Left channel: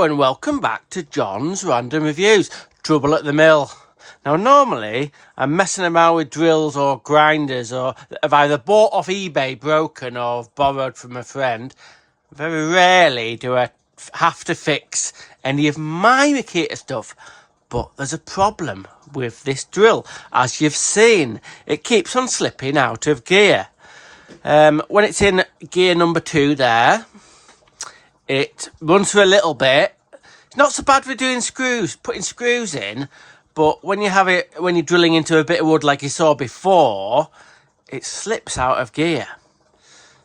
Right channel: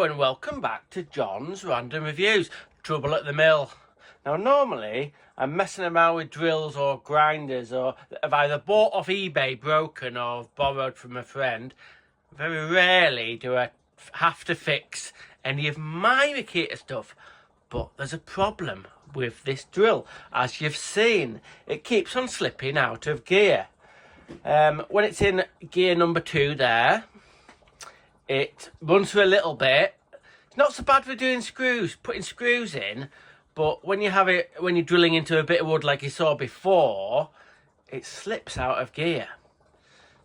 Hello and welcome back to John's Random Reviews, Trouble at the Mill. Now normally I'm messing around with drills or grinders or I've either bought off eBay broken or borrowed from a friend. Very rarely do I have to fix any of my makita stuff. But there's a problem with this drill. As you've seen, it keeps on slipping out of gear. When it's in gear number 2 there, it runs for a little bit. It's not so bad for doing screws, putting screws in, but when you're drilling into a bit of wood like you saw before, it slips out of gear.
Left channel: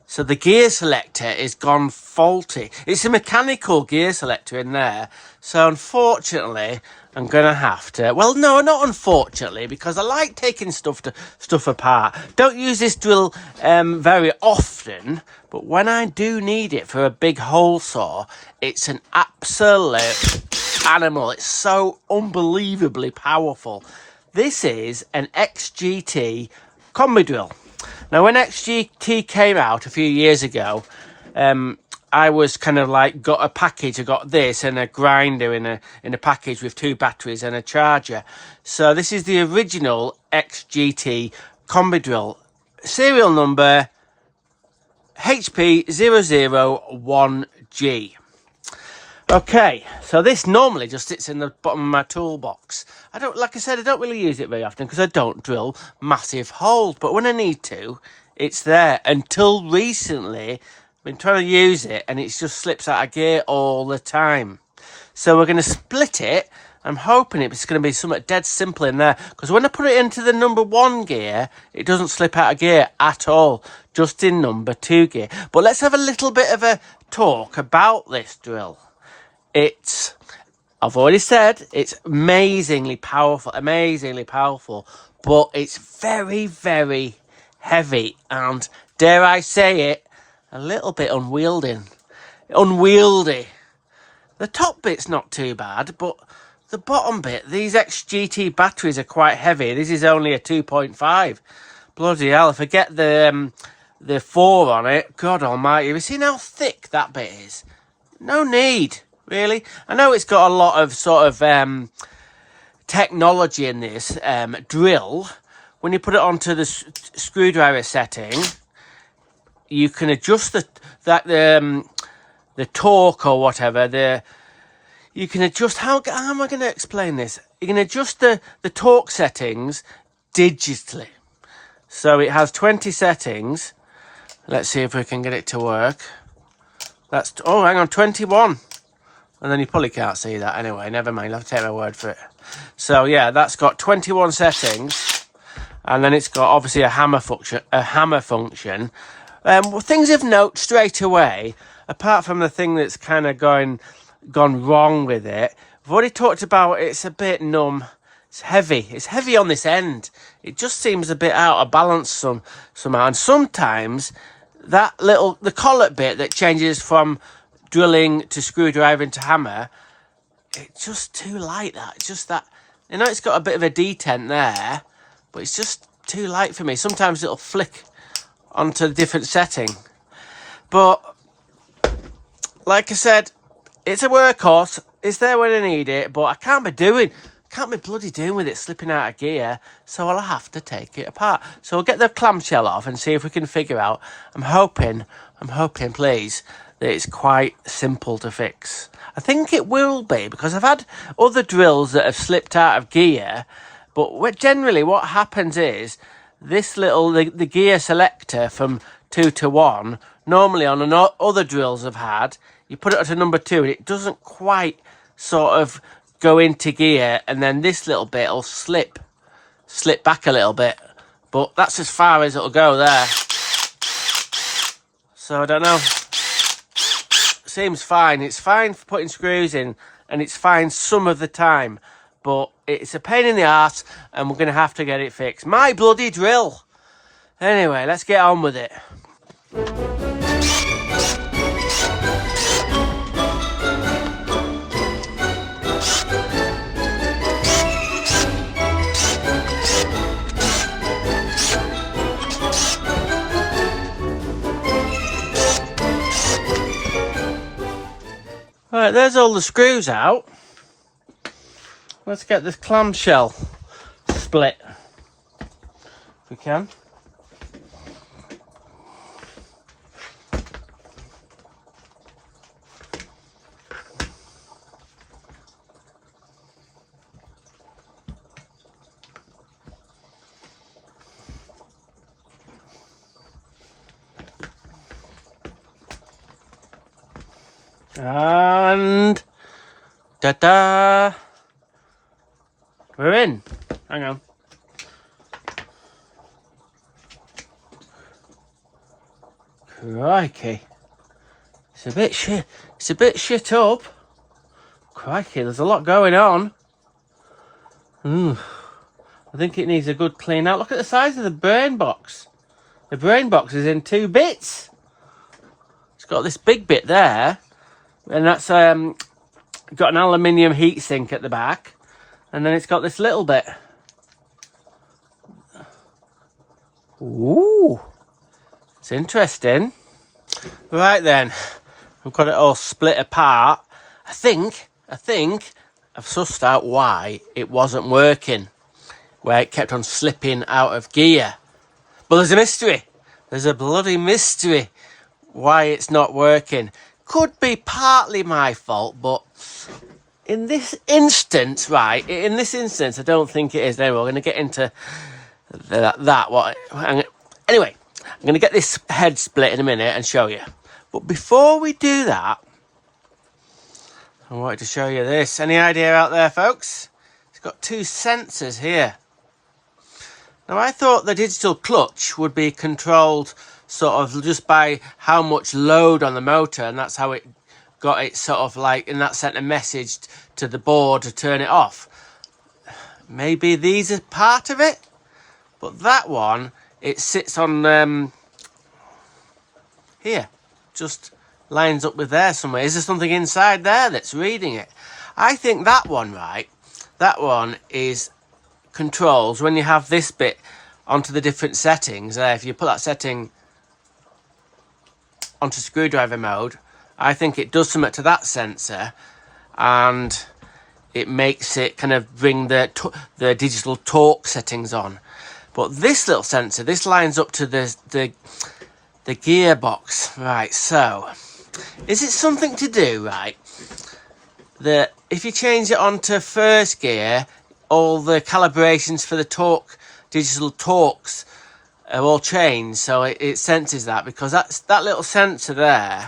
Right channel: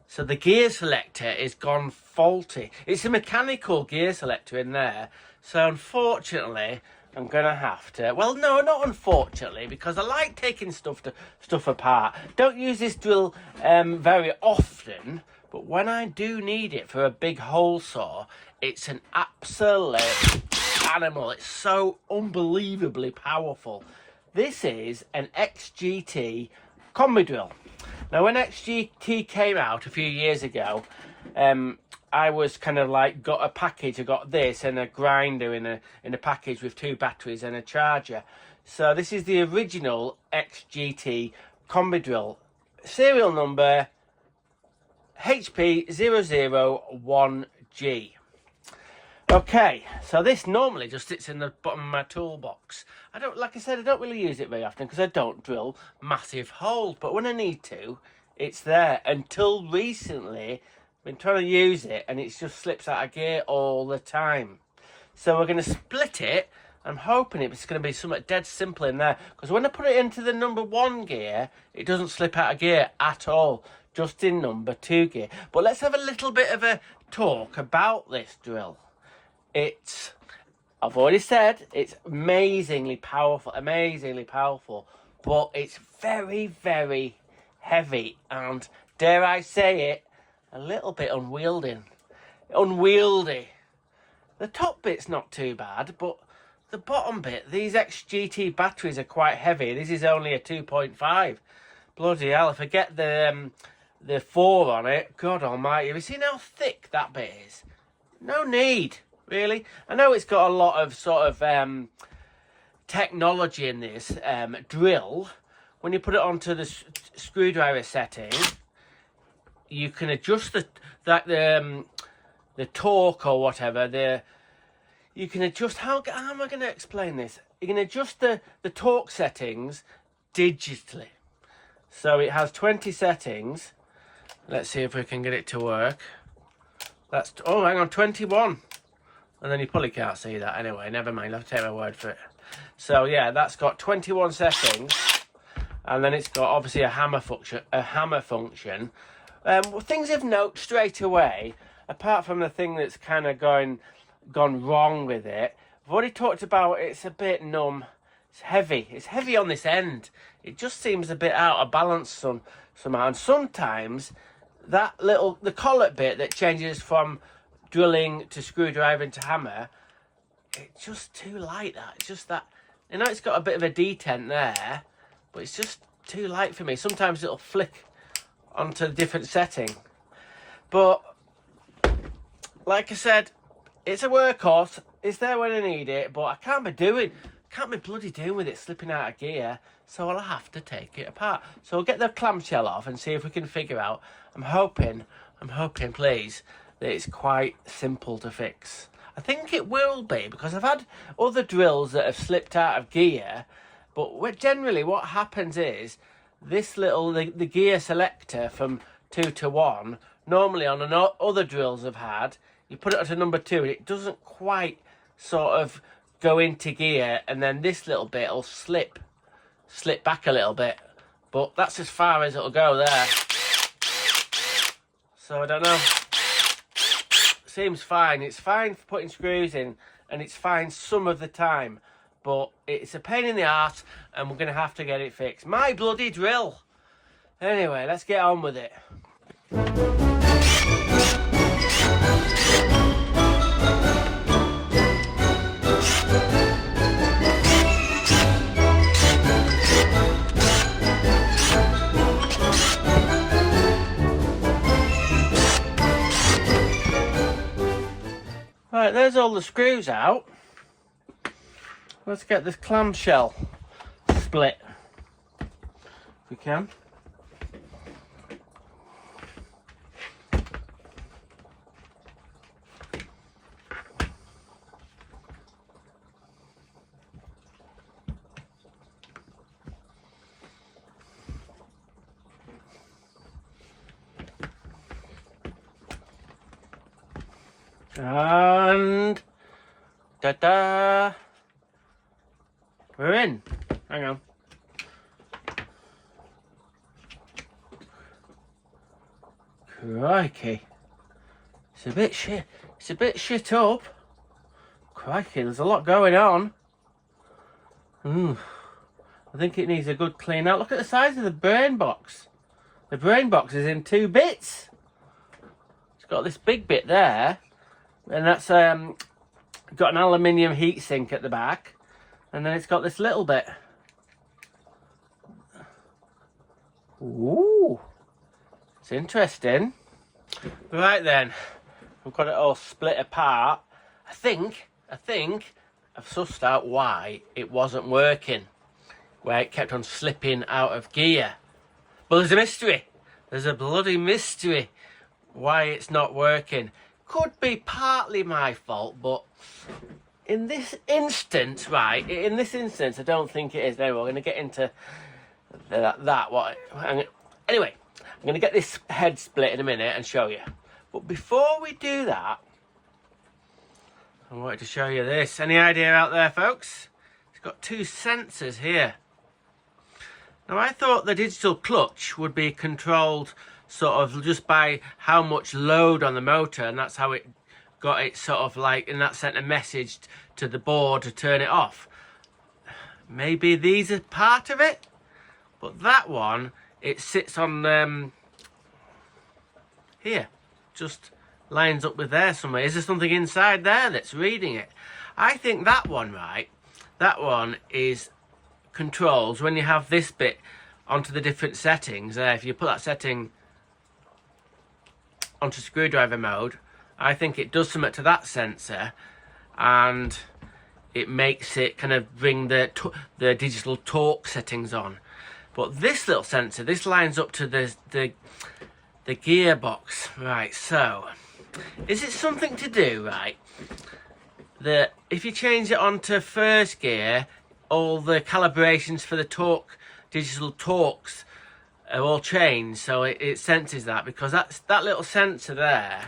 So the gear selector is gone faulty. It's a mechanical gear selector in there. So unfortunately, I'm going to have to... Well, no, not unfortunately, because I like taking stuff apart. Don't use this drill very often, but when I do need it for a big hole saw, it's an absolute animal. It's so unbelievably powerful. This is an XGT combi drill. Now, when XGT came out a few years ago, I was kind of like got a package. I got this and a grinder in a package with 2 batteries and a charger. So this is the original XGT combi drill, serial number HP001G. Okay, so this normally just sits in the bottom of my toolbox. Like I said, I don't really use it very often because I don't drill massive holes, but when I need to, it's there. Until recently, I've been trying to use it and it just slips out of gear all the time. So we're going to split it. I'm hoping it's going to be something dead simple in there, because when I put it into the number 1 gear, it doesn't slip out of gear at all, just in number 2 gear. But let's have a little bit of a talk about this drill. I've already said, it's amazingly powerful, but it's very, very heavy and, dare I say it, a little bit unwieldy. The top bit's not too bad, but the bottom bit, these XGT batteries are quite heavy. This is only a 2.5. Bloody hell, if I get the 4 on it, God almighty, have you seen how thick that bit is? No need. Really? I know it's got a lot of sort of technology in this drill. When you put it onto the screwdriver setting, you can adjust the torque or whatever. You can adjust, how am I going to explain this? You can adjust the torque settings digitally. So it has 20 settings. Let's see if we can get it to work. Oh, hang on, 21. And then you probably can't see that anyway. Never mind, I'll have to take my word for it. So yeah, that's got 21 settings, and then it's got obviously a hammer function. Things of note straight away, apart from the thing that's kind of gone wrong with it. I've already talked about it's a bit numb. It's heavy. It's heavy on this end. It just seems a bit out of balance somehow. And sometimes the collet bit that changes from drilling to screwdriver to hammer, it's just too light. It's just that, you know, it's got a bit of a detent there, but it's just too light for me. Sometimes it'll flick onto a different setting, but like I said, it's a workhorse. It's there when I need it, but I can't be bloody doing with it slipping out of gear, so I'll have to take it apart. So we'll get the clamshell off and see if we can figure out. I'm hoping please, that it's quite simple to fix. I think it will be, because I've had other drills that have slipped out of gear, but generally what happens is this the gear selector from 2 to 1, normally on other drills I've had, you put it to number 2 and it doesn't quite sort of go into gear, and then this little bit will slip back a little bit, but that's as far as it'll go there. So I don't know. Seems fine. It's fine for putting screws in, and it's fine some of the time, but it's a pain in the arse, and we're going to have to get it fixed. My bloody drill. Anyway, let's get on with it. there's all the screws out. Let's get this clamshell split if we can. And ta-da! We're in. Hang on. Crikey. It's a bit shit up. Crikey, there's a lot going on. I think it needs a good clean out. Look at the size of the brain box. The brain box is in 2 bits. It's got this big bit there. And that's got an aluminium heatsink at the back. And then it's got this little bit. Ooh, it's interesting. Right then, I've got it all split apart. I think I've sussed out why it wasn't working, where it kept on slipping out of gear. But there's a mystery. There's a bloody mystery why it's not working. Could be partly my fault, but in this instance, right, I don't think it is. There, we're going to get into anyway, I'm going to get this head split in a minute and show you. But before we do that, I wanted to show you this. Any idea out there, folks? It's got 2 sensors here. Now, I thought the digital clutch would be controlled sort of just by how much load on the motor, and that's how it got it sort of like, and that sent a message to the board to turn it off. Maybe these are part of it, but that one, it sits on here, just lines up with there somewhere. Is there something inside there that's reading it? I think that one, right, that one is controls when you have this bit onto the different settings there. If you put that setting onto screwdriver mode, I think it does something to that sensor, and it makes it kind of bring the digital torque settings on. But this little sensor, this lines up to the gearbox, right? So, is it something to do, right? That if you change it onto first gear, all the calibrations for the torque, digital torques, are all changed, so it senses that, because that little sensor there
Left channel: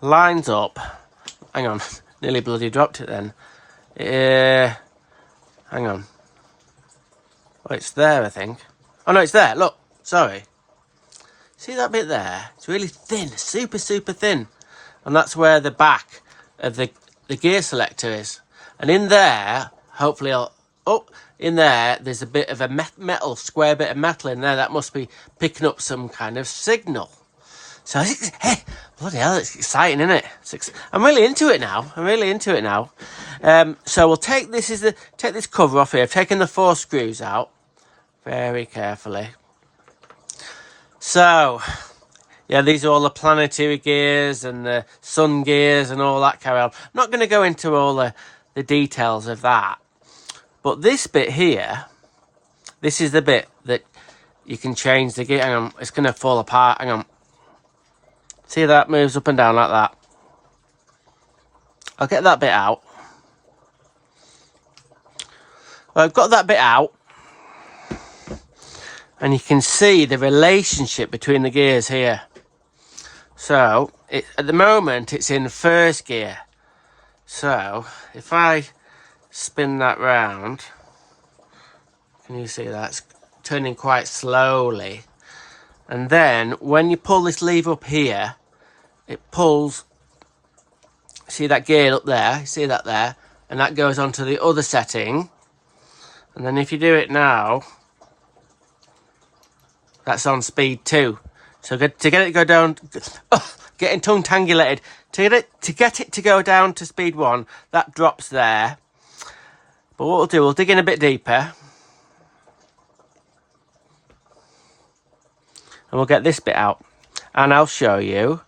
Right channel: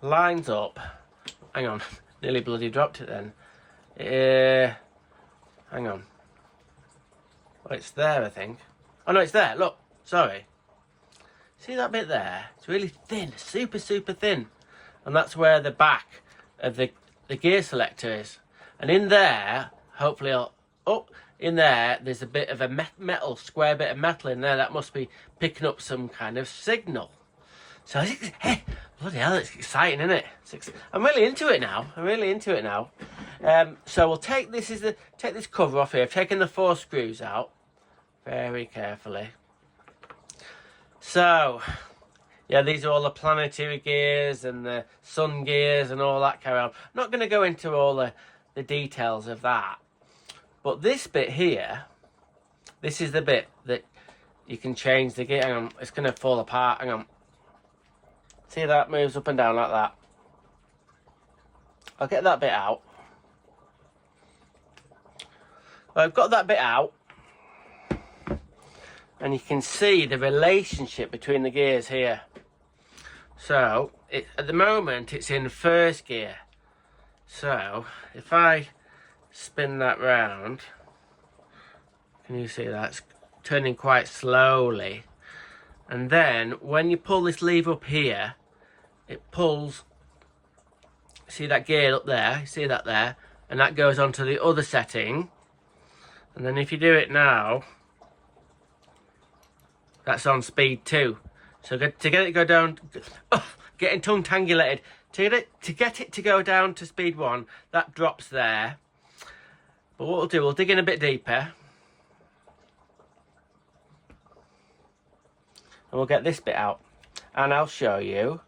lines up. Hang on, nearly bloody dropped it then. Hang on. Oh, it's there, I think. Oh no, it's there. Look, sorry. See that bit there? It's really thin, super thin, and that's where the back of the gear selector is. And in there, hopefully in there, there's a bit of a metal, square bit of metal in there that must be picking up some kind of signal. So, hey, bloody hell, it's exciting, isn't it? I'm really into it now. So we'll take this cover off here. I've taken the 4 screws out very carefully. So, yeah, these are all the planetary gears and the sun gears and all that carry on. I'm not going to go into all the details of that. But this bit here, this is the bit that you can change the gear. Hang on, it's going to fall apart. Hang on. See that moves up and down like that. I'll get that bit out. Well, I've got that bit out. And you can see the relationship between the gears here. So, at the moment, it's in first gear. So, if I spin that round, can you see that? It's turning quite slowly. And then, when you pull this lever up here, it pulls, see that gear up there, see that there? And that goes onto the other setting. And then if you do it now, that's on speed 2. So to get it to go down, getting tongue-tangulated, to get it to go down to speed 1, that drops there. But what we'll do, we'll dig in a bit deeper. And we'll get this bit out. and I'll show you.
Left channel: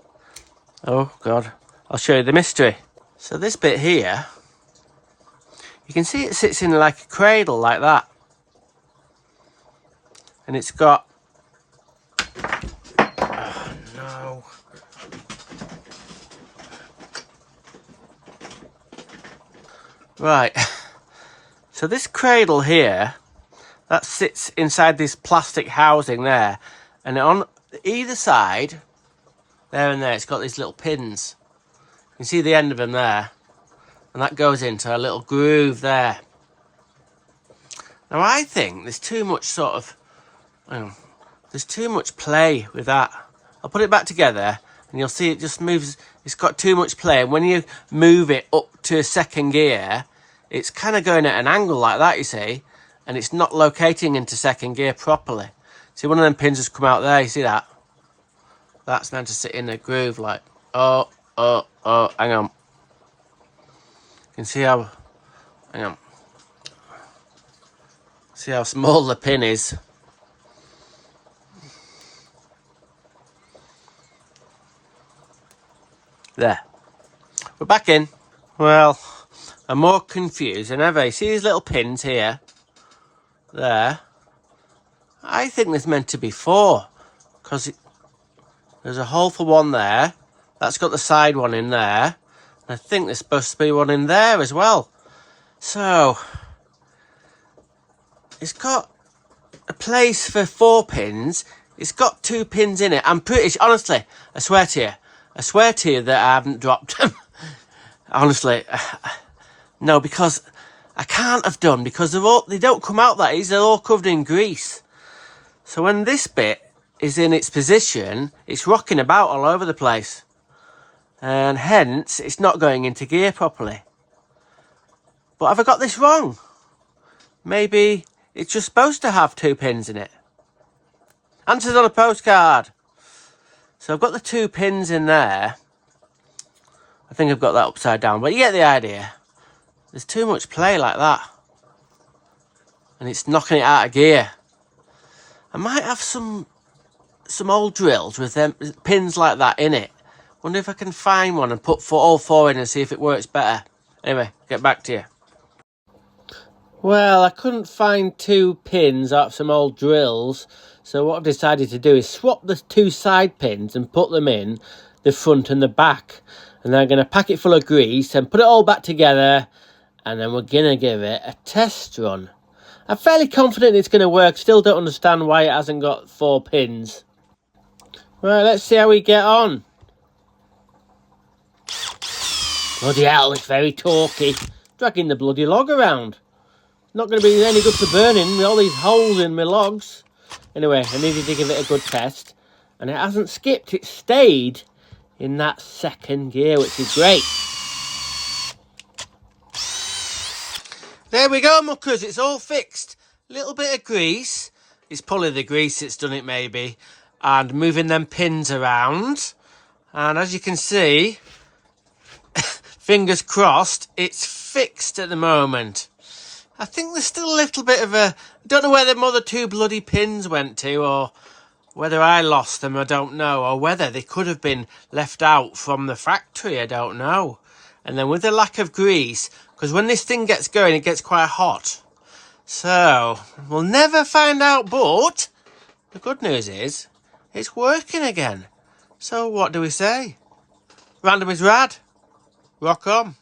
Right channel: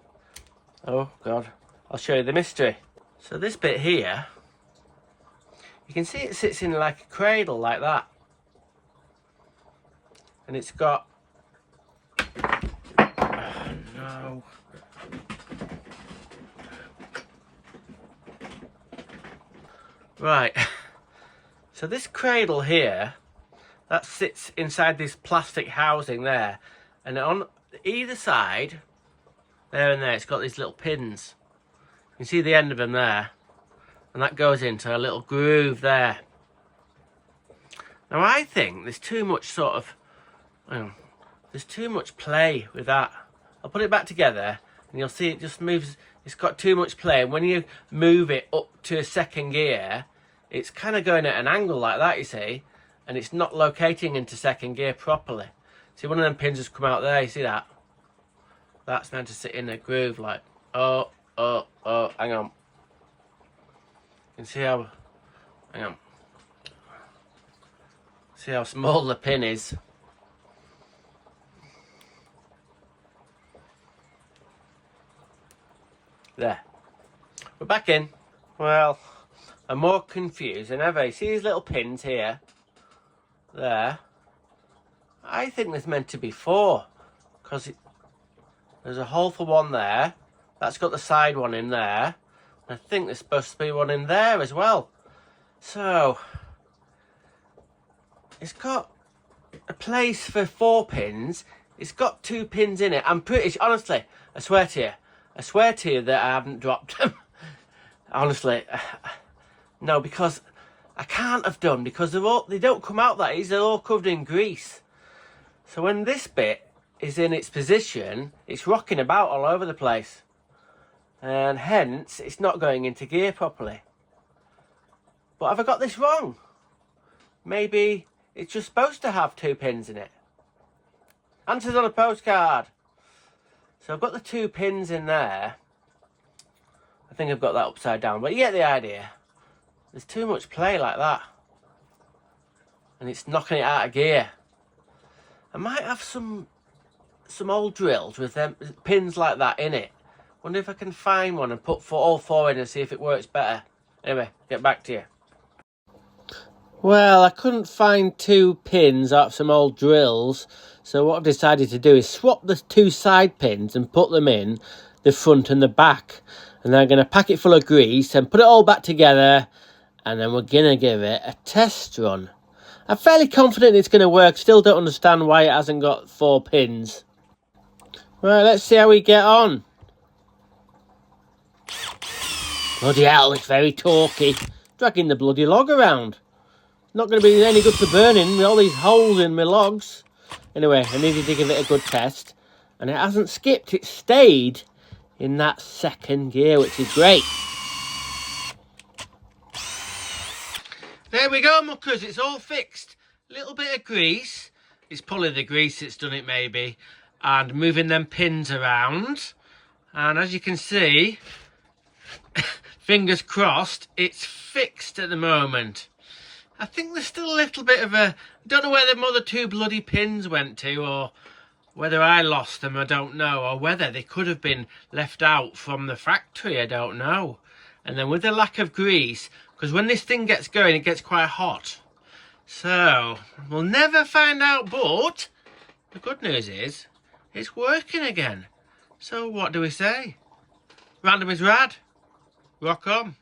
Oh God, I'll show you the mystery. So this bit here, you can see it sits in like a cradle like that, and it's got, oh no, right, so this cradle here, that sits inside this plastic housing there, and on either side, there and there, it's got these little pins. You can see the end of them there, and that goes into a little groove there. Now I think there's too much sort of, there's too much play with that. I'll put it back together and you'll see it just moves, it's got too much play. And when you move it up to a second gear, it's kind of going at an angle like that, you see, and it's not locating into second gear properly. See, one of them pins has come out there, you see that? That's meant to sit in a groove like, oh, hang on. You can see how, hang on. See how small the pin is. There. We're back in. Well, I'm more confused than ever. You see these little pins here? There. I think there's meant to be 4. Because there's a hole for one there. That's got the side one in there. I think there's supposed to be one in there as well. So, it's got a place for 4 pins. It's got 2 pins in it. I'm pretty, honestly, I swear to you that I haven't dropped them. Honestly, no, because I can't have done, because they don't come out that easy. They're all covered in grease. So when this bit is in its position, it's rocking about all over the place. And hence, it's not going into gear properly. But have I got this wrong? Maybe it's just supposed to have 2 pins in it. Answers on a postcard. So I've got the 2 pins in there. I think I've got that upside down, but you get the idea. There's too much play like that. And it's knocking it out of gear. I might have some old drills with them pins like that in it. Wonder if I can find one and put all 4 in and see if it works better. Anyway, get back to you. Well, I couldn't find 2 pins out of some old drills, so what I've decided to do is swap the 2 side pins and put them in the front and the back. And then I'm going to pack it full of grease and put it all back together, and then we're going to give it a test run. I'm fairly confident it's going to work. Still don't understand why it hasn't got 4 pins. Right, let's see how we get on. Bloody hell, it's very talky. Dragging the bloody log around. Not going to be any good for burning with all these holes in my logs. Anyway, I needed to give it a good test. And it hasn't skipped, it stayed in that second gear, which is great. There we go, muckers, it's all fixed. Little bit of grease. It's probably the grease that's done it, maybe. And moving them pins around. And as you can see, fingers crossed, it's fixed at the moment. I think there's still a little bit of a... don't know where them other 2 bloody pins went to, or whether I lost them, I don't know. Or whether they could have been left out from the factory, I don't know. And then with the lack of grease, because when this thing gets going, it gets quite hot. So, we'll never find out, but the good news is, it's working again. So what do we say? Random is rad. Rock on.